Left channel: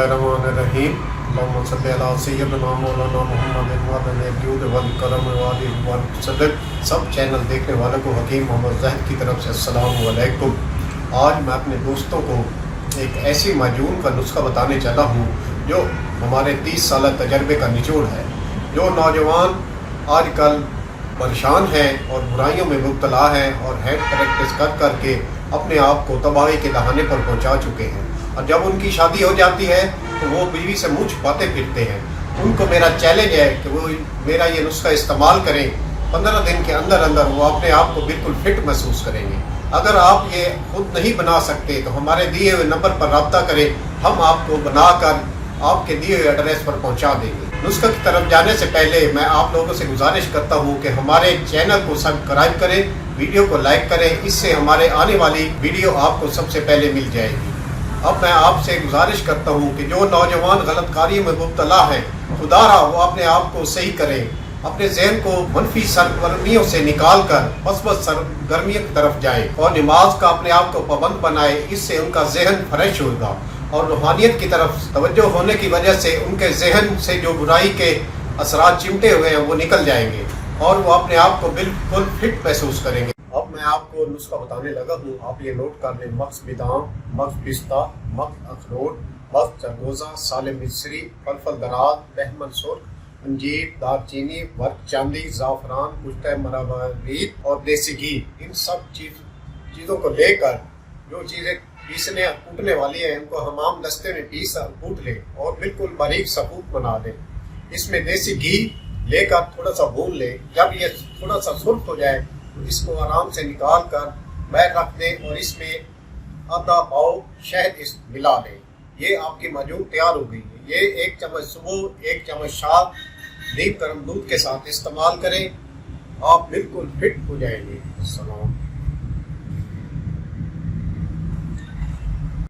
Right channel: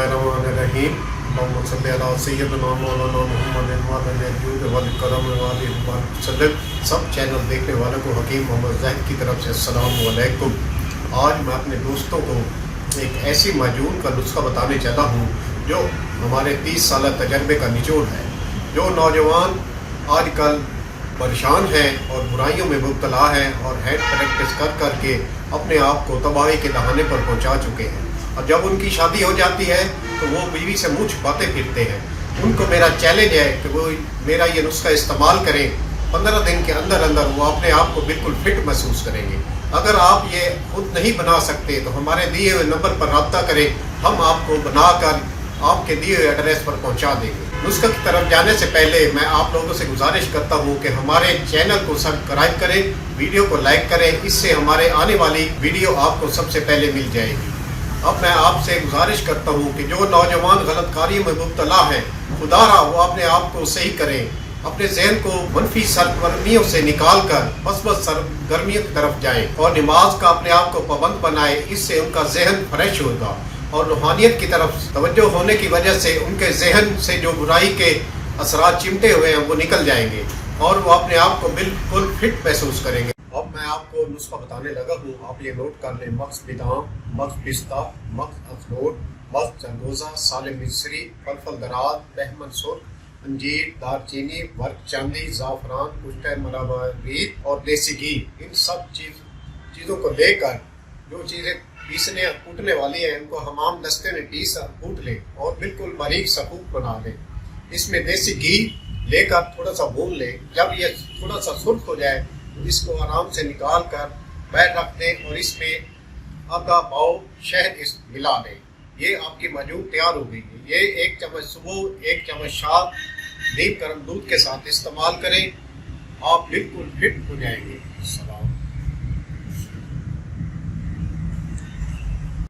रहीम सब चैनल देखने वालों को हकीम मोहम्मद ज़ाहिद की तरफ से अस्सलाम वालेकुम। आज मैं अपने दोस्तों को एक ऐसी माजून का नुस्खा बताने चला हूँ जो हमारे 30 साल तजर्बे का निचोड़ है। जो नौजवान आजकल परेशान हैं और बुराइयों में मुब्तला हैं और हेड प्रैक्टिस कर करके अपने आप को तबाही के दहाने पर पहुँचा चुके हैं, और जब उनकी शादी हो जाती है तो वो बीवी से मुँह छुपाते फिरते हैं। उनको मेरा चैलेंज है कि वो मेरा ये नुस्खा इस्तेमाल करें। 15 दिन के अंदर अंदर वो अपने आप को बिल्कुल फिट महसूस करेंगे। अगर आप ये खुद नहीं बना सकते तो हमारे दिए हुए नंबर पर रब्ता करें, हम आपको बनाकर आपके दिए हुए एड्रेस पर पहुंचा देंगे। नुस्खे की तरफ जाने से पहले मैं आप लोगों से गुजारिश करता हूं कि हमारे चैनल को सब्सक्राइब करें, वीडियो को लाइक करें, इससे हमारे आने वाली वीडियो आपको सबसे पहले मिल जाएगी। अब मैं आपसे गुजारिश करता हूं कि जो नौजवान गलत कार्यों में मुब्तला हैं, खुदारा वो अपने आप को सही करें, अपने जहन को मनफी सरगर्मियों से निकाल कर मस्बत सरगर्मियों की तरफ जाएं और नमाज का अपने आप को पाबंद बनाए। इससे उनका जहन फ्रेश होगा और रूहानियत की तरफ तवज्जो होने की वजह से उनके जहन से जो बुराई के असरात चिमटे हुए हैं वो निकल जाएंगे और वो अपने आप को बिल्कुल फिट महसूस करेंगे। अब मैं आपको नुस्खा बताने लगा हूँ, आप ये नोट कर लें। मक्स बादाम, मक्स पिस्ता, मक्स अखरोट, मक्स चरगोजा, साले मिस्री, फल दराज, बहमन सुर्ख, अंजीर, दालचीनी, वर्क चांदी, ज़ाफ़रान, कुश्ते मरबरीत और देसी घी। इन सब चीज़ों को लेकर जो चीज़ें पीसने कूटने वाली है इनको हमाम दस्ते में पीस और कूट लें और बिल्कुल बारीक सफूक बना दें। इसमें देसी घी लेकर थोड़ा सा भून लें। जब ये थोड़ा सा सुर्ख हो जाए तो इसको आराम से निकाल कर बाहर रख दें और इसमें आधा पाव शहद मिला दें। ये आपकी माजून तैयार हो गई है। ये 1 चम्मच सुबह, 1 चम्मच शाम नीम गर्म दूध के साथ इस्तेमाल करें, आप बिल्कुल फिट हो जाएंगे। सलाम।